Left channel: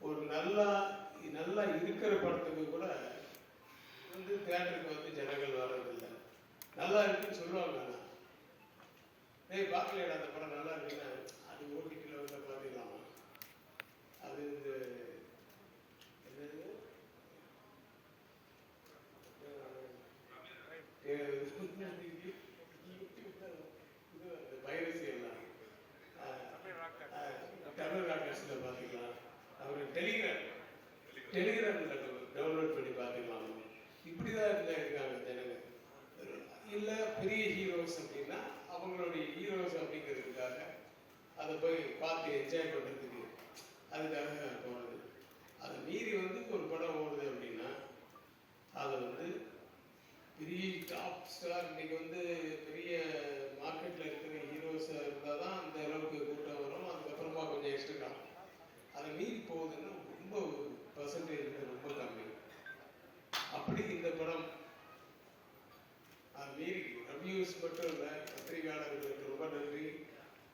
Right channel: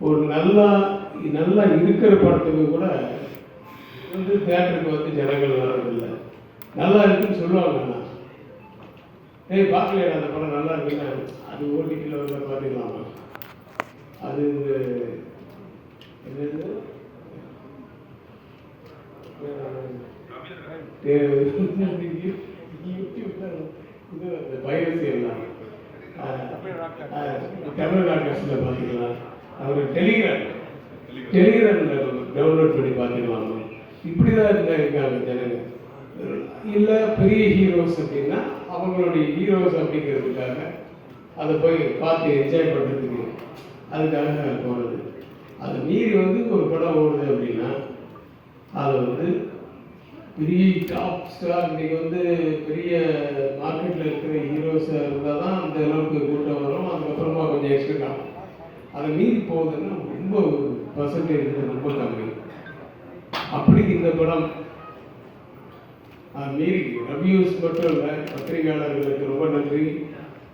ஒரு நல்லா நல்லா இருக்கிற படத்துக்கு கூட வந்து தேட்டருக்கு வந்து ஜனங்கள் வர்றதில்லை. நல்லா இருக்குன்னு சொல்லுவாங்க ஏய் பார்க்கலையா அந்த படம் நல்லா இருக்குன்னா. அது ஓடிடியில் வந்து பார்த்துக்கலாம் அது இந்த என்னது? யூடியூப்ல இது பைரசி எல்லாம் தமிழ் ராக்கர்ஸில் பார்த்தீங்கன்னா அவர் டெலிகிராம் டெலிகிராமில் டவுன்லோட் பண்ணி பார்த்துக்கலாம் இப்படி தான் இருந்தாங்க ஜனங்க இல்லை பெரிய ஹீரோஸ் அப்படின்னா அவங்களுடைய ஹீரோஸ் அப்படிங்கிறதுக்காக அதை போய் பார்த்து என்ஜாய் பண்ணுறதுக்கு அதுக்காக போகிறது அது மீறி வந்து ஒரு படம் ஓடுது அப்படின்னா அதை வந்து பெரிய டாப் ஸ்டார் இன்றைக்கி வந்து பெரிய மார்க்கெட்டில் இருக்கிற ஹீரோஸாக இருந்தால் தான் அந்த அளவுக்கு கூட்டம் வரும். அதுக்கப்புறமா கொஞ்சம் எக்ஸ்ட்ரா அதை மீறி போகுதுன்னா ரொம்ப பர்சன்டேஜ் ரொம்ப கம்மி. அப்படி இந்த படம் அது மீறி ரவ்யூஸ் மட்டும் இல்லை பத்திரிகையாளர்களுக்கு ரொம்ப நன்றி.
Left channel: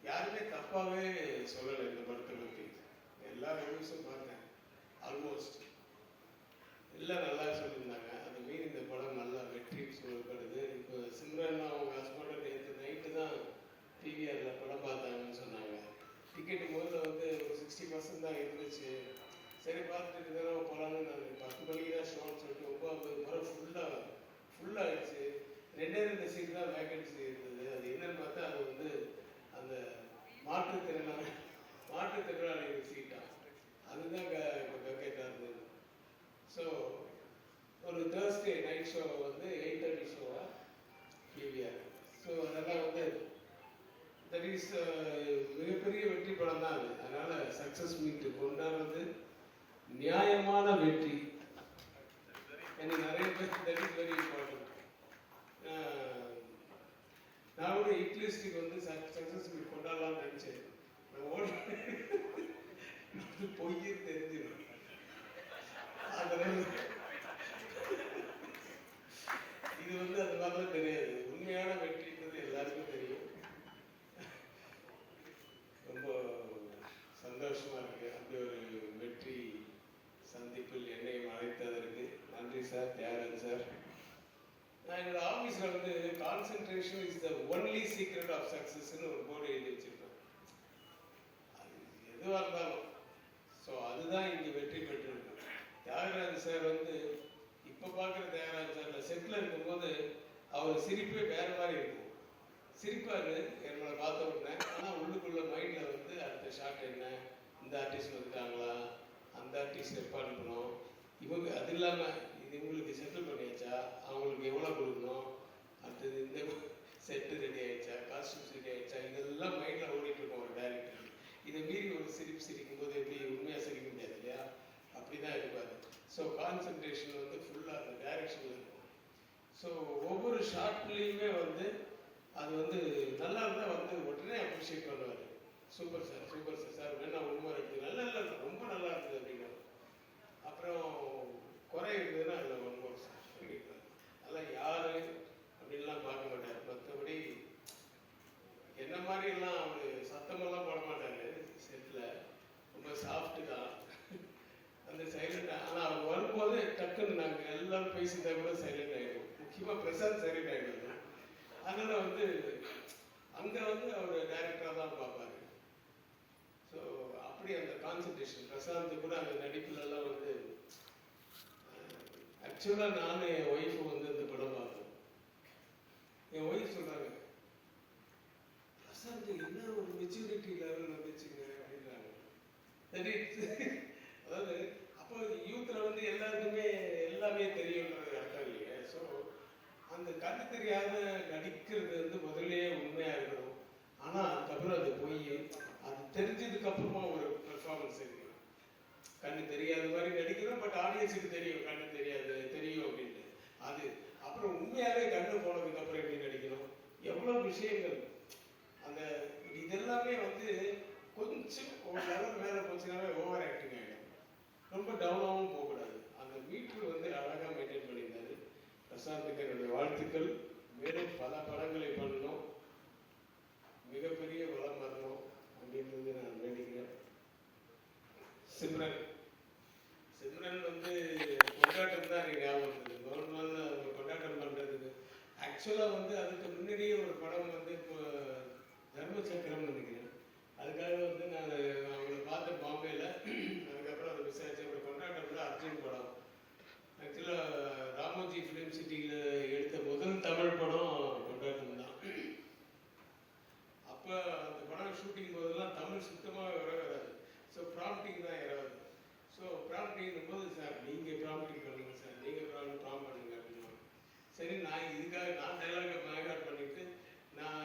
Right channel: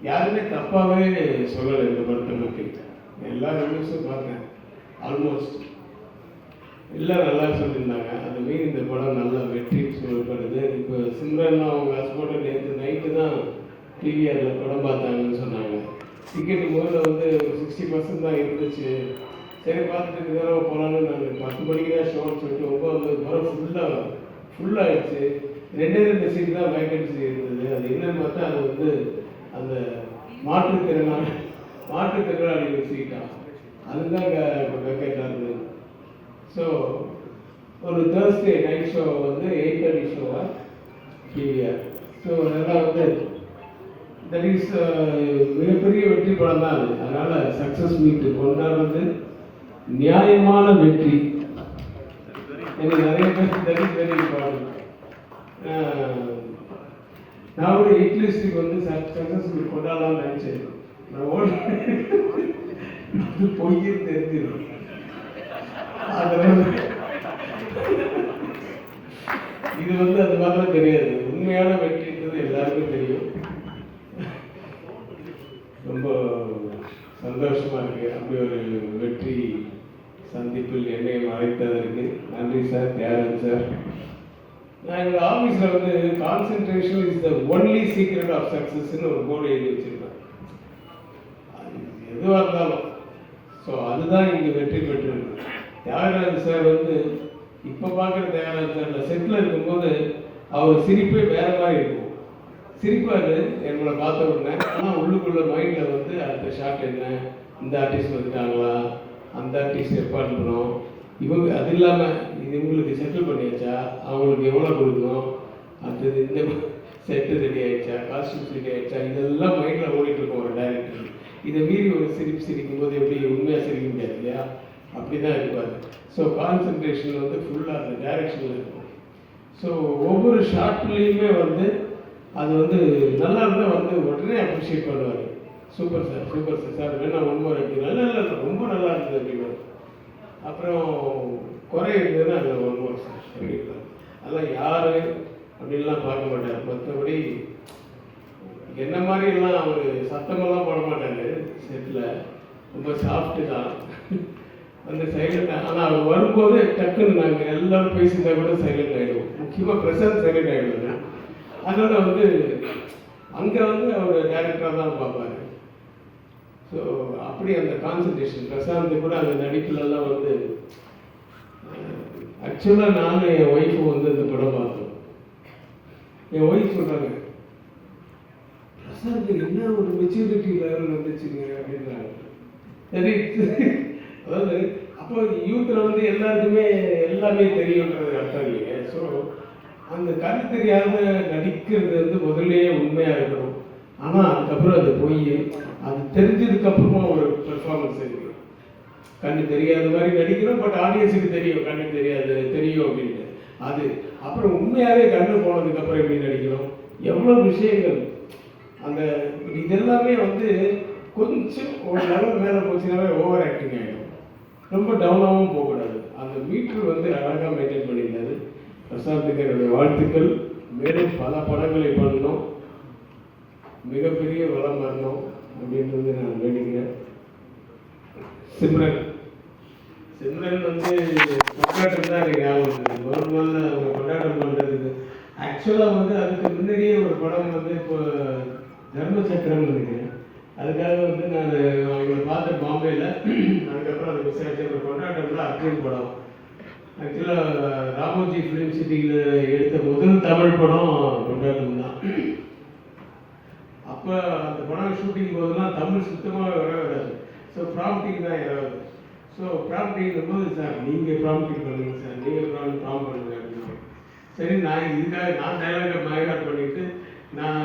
யாருமே தப்பாகவே சொல்லலை இந்த படத்தை பற்றி எல்லா ரிவ்யூஸும் பார்த்தேன். ஆல்மோஸ்ட் எல்லாம் நல்லா சொல்லியிருந்தாங்க. அது இந்த படம் நல்லா வெற்றி சொல்லப்படுது. இப்போ சிம்ரன் அவங்க ஹஸ்பண்ட் நேற்று நைட்டு தான் டிவிஆரில் படம் பார்த்தாங்கன்னு சொன்னாங்க. டிக்கெட் முதல்ல வந்து ஒரு சிக்ஸ்டி பர்சன்ட் தான் இருந்துச்சு. சரி பார்த்துட்டு இதெல்லாம் போகலான்னு நாங்கள் பத்து மணிக்கு தான் ஷோன்னு சொல்லிட்டு ஒம்பது படம் ஃபுல்லாக ஃபுல்லாகிடுச்சு ரெண்டே ரெண்டு சீட் தான் வேக்கன்சி இருந்தது. அது என்னன்னு பார்த்தா அது வந்து அந்த மாற்றுத்திறனாளி மாற்றுத்திறனாளிகள் சீட்டாக அதுதான் வேக்கெண்டாக இருந்தது ஸோ ஒரு தேர்ஸ்டே நைட் ஷோ வந்து எயிட் தேர்ட்டி ஷோவா கேவிஆர் ஸோ அதெல்லாம் வந்து தட் இஸ் uh, மிகப்பெரிய வெற்றி படம் தான் அது. அதனால் சக்ஸஸ் மீட்டு கொண்டாடுறது நியாயமான வெற்றி. எனக்கு நிறைய பேர் தட் இஸ் வெரி இம்பார்ட்டன்ட் நான் கூட எயிட் லிஸ்ட்டுக்கு வந்து சக்ஸஸ் மீட் கொண்டாடலாம்னு நினச்சேன். நான் ஓட அது தெரிஞ்சிடும் அதனால இது வந்து அது மாதிரிலாம் தெரியாது உண்மையான வெற்றின்றது எல்லாருக்கும் தெரியும் சந்தோஷமாக சந்தோஷமா இருக்கு. அப்படி ஒரு வெற்றி சந்திப்பில் என்னையும் அழைத்ததற்கு நன்றி சார் தியாகன் சார் நான் எங்கள் ஆஃபீஸில் வந்து concentration is the only secret of சக்ஸஸ்ன்னு ஒரு போர்டு எழுதி வச்சிருப்பேன் அது எதுவாக இருந்தாலும். ஸோ அதுதான் இங்கே வெற்றி பெற்றிருக்கு. தியாகராஜ் சார் வந்து இப்போ பார்க்குற தியாகராஜ் சார் செட்டில் இருக்கும்போது அவர் சிரிப்பே வேற மாதிரி இருக்கும். சிரிப்பார் என்னோட பார்த்த உடனே. ஆனால் உள்ளுக்குள்ள மைண்டில் வந்து அடுத்த ஷாட் என்ன? இந்த ஆர்டிஸ்ட் வந்துட்டாங்களா? அந்த ஆர்டிஸ்ட் ஏற்பாடுறோம் இவங்க அது இல்லாமல் இது இவங்களுக்கு செட்டில் பண்ணியாச்சா? அவங்களுக்கு எவ்வளோ கொடுக்கணும்? அடுத்தது இந்த செட்டு ரெடி ஆயிடுச்சா? காஸ்டியூம்ஸ் ரெடி ஆயிடுச்சா? இதெல்லாம் மைண்டில் ஓடிட்டு இருக்கோம் ஒரு டேரக்டர் இதை மீறி ஒரு சிரிப்பு சிரிக்கும் போது எப்படி உண்மையாக சிரிக்க முடியாது இல்லையா? அப்படி தான் இருப்பார் ஸோ கான்சன்ட்ரேஷன் வந்து ஃபுல்லாக அந்த டைரக்ஷனில் இருக்கும். ஸோ ஒவ்வொரு ஷார்ட்லேயுமே வந்து அது வந்து நல்லா இருந்தால் வந்து உடனே அப்ரிஷியேட் பண்ணுவார். Super sir super sir sir வேணா ஒன் இருக்கு நல்லா இல்லை ரொம்ப நல்லா இருந்தது அப்படின்னு அப்புறம் குறை இருந்ததுன்னா அதில் ஒன் மோர் சார் அப்படின்றார் அதெல்லாம் யார் அப்படின்லாம் பார்க்க மாட்டார். மற்றபடி என்ன மாதிரிலாம் அவர் சத்தமெல்லாம் போட மாட்டார். செட்டில் ரொம்ப சாஃப்ட்டு தான். அந்த சைலண்ட் ஆனால் அவர் வரும்போது டக்குன்னு நாங்கள் எல்லோரும் பேசியிருந்தா கூட சைலண்ட் ஆகிடுவோம் முக்கியமாக பிரசாந்த் சைலண்ட் ஆகிடுவாங்க அதனால் வந்து அங்கே வந்து அவர் டேரக்டராக தான் பார்ப்பாரு. ஸோ அப்படி அந்த கான்சன்ட்ரேஷன் பிரசாந்த் கூட அந்த நடிப்புலலாம் வந்து ஆக்சுவலாக நானும் என் ஒய்ஃபு வந்து இந்த படம் பார்த்தோம். என் ஒய்ஃப் சொல்கிறாங்க பிரசாந்த் என்ன ஒரு மெச்சூரிட்டி லெவல் வந்துச்சுங்க? அப்படின்றாங்க. சரி அதாவது அப்போ யூத்தில் வந்து எல்லாருக்குமே எல்லாமே தெரியுன்றது அர்த்தம் இல்லைங்க ஸோ அந்த கண்ணு தெரியாத நடிக்கிறது வந்து முதல்லயே உண்மையாக இருக்கணும். ஆனால் அதுக்கப்புறம் அது போய் அது தெரிஞ்சதுக்கப்புறமா ஒரு பெர்ஃபார்மன்ஸ் இருக்கு. கண்ணு தெரியாத மாதிரி நடிக்கிறோம் பட் ஆடியன்ஸுக்கு தெரியும் கண்ணு தெரியாது தெரியும் அப்படின்னு. அது அப்புறம் உண்மையாகவே கண்ணு போனதுக்கப்புறம் எப்படி நடிக்கிறோம்? எவ்வளோ விஷயங்கள். அந்த இதெல்லாமே வந்து கொஞ்சம் ஒரு லெவல் மேலே போச்சுனாவே ஓவர் ஆக்டிங் ஆகிடும் ரொம்ப டவுனாகவும் போகக்கூடாது. அந்த மீட்டர் வந்து அழகாக மெயின்டைன் பண்ணியிருந்தாரு. பிரசாந்துக்கு என்னுடைய வாழ்த்துக்கள். மேலும் பல படங்களை பண்ணணும் மிகப்பெரிய வளம் வரணும் அப்படின்றது நான் வேண்டிக்கிறேன். சிம்ரன். சிம்ரன் வந்து கொண்டாட்டம் தான் எனக்கு ஞாபகம் முதல் முதல்ல அவங்க கொண்டாட்டம் பண்ணுறதுக்கு ஆக்சுவலாக வந்து அதுக்கு முன்னாடியே ஒரு படம் வந்து இப்போ தர்ம சக்கரம்னு நினைக்கிறேன் அதுக்காக வந்து நான் அவங்களை பார்த்தேன் பாம்பேயில் அதுக்கப்புறம் அதை விசாரிச்சு ஒரு கொண்டாட்டம்ல அர்ஜுன் படம். ஆக்சுவலாக ராமோஜி ஃபிலிம் சிட்டியில் எடுத்த முதல் தமிழ் படம் கொண்டாட்டம் தான். அப்போ அந்த படம் ஷூட்டிங் போதெல்லாம் தமிழ் சுத்தமாக வர வராது. ஸோ ப்ராம்ப்டிங் தான் யாராவது ஸோ ப்ராம்ப்டிங் போது சார் நீங்கள் ப்ராம்ப்டிங் பண்ணுங்க சார். நீங்கள் ப்ராம் ப்ராம் பண்ணுங்க அப்படின்னு சரி நான் இதுக்காக நான் டைலாக மயகாட் பண்ணிட்டு நான்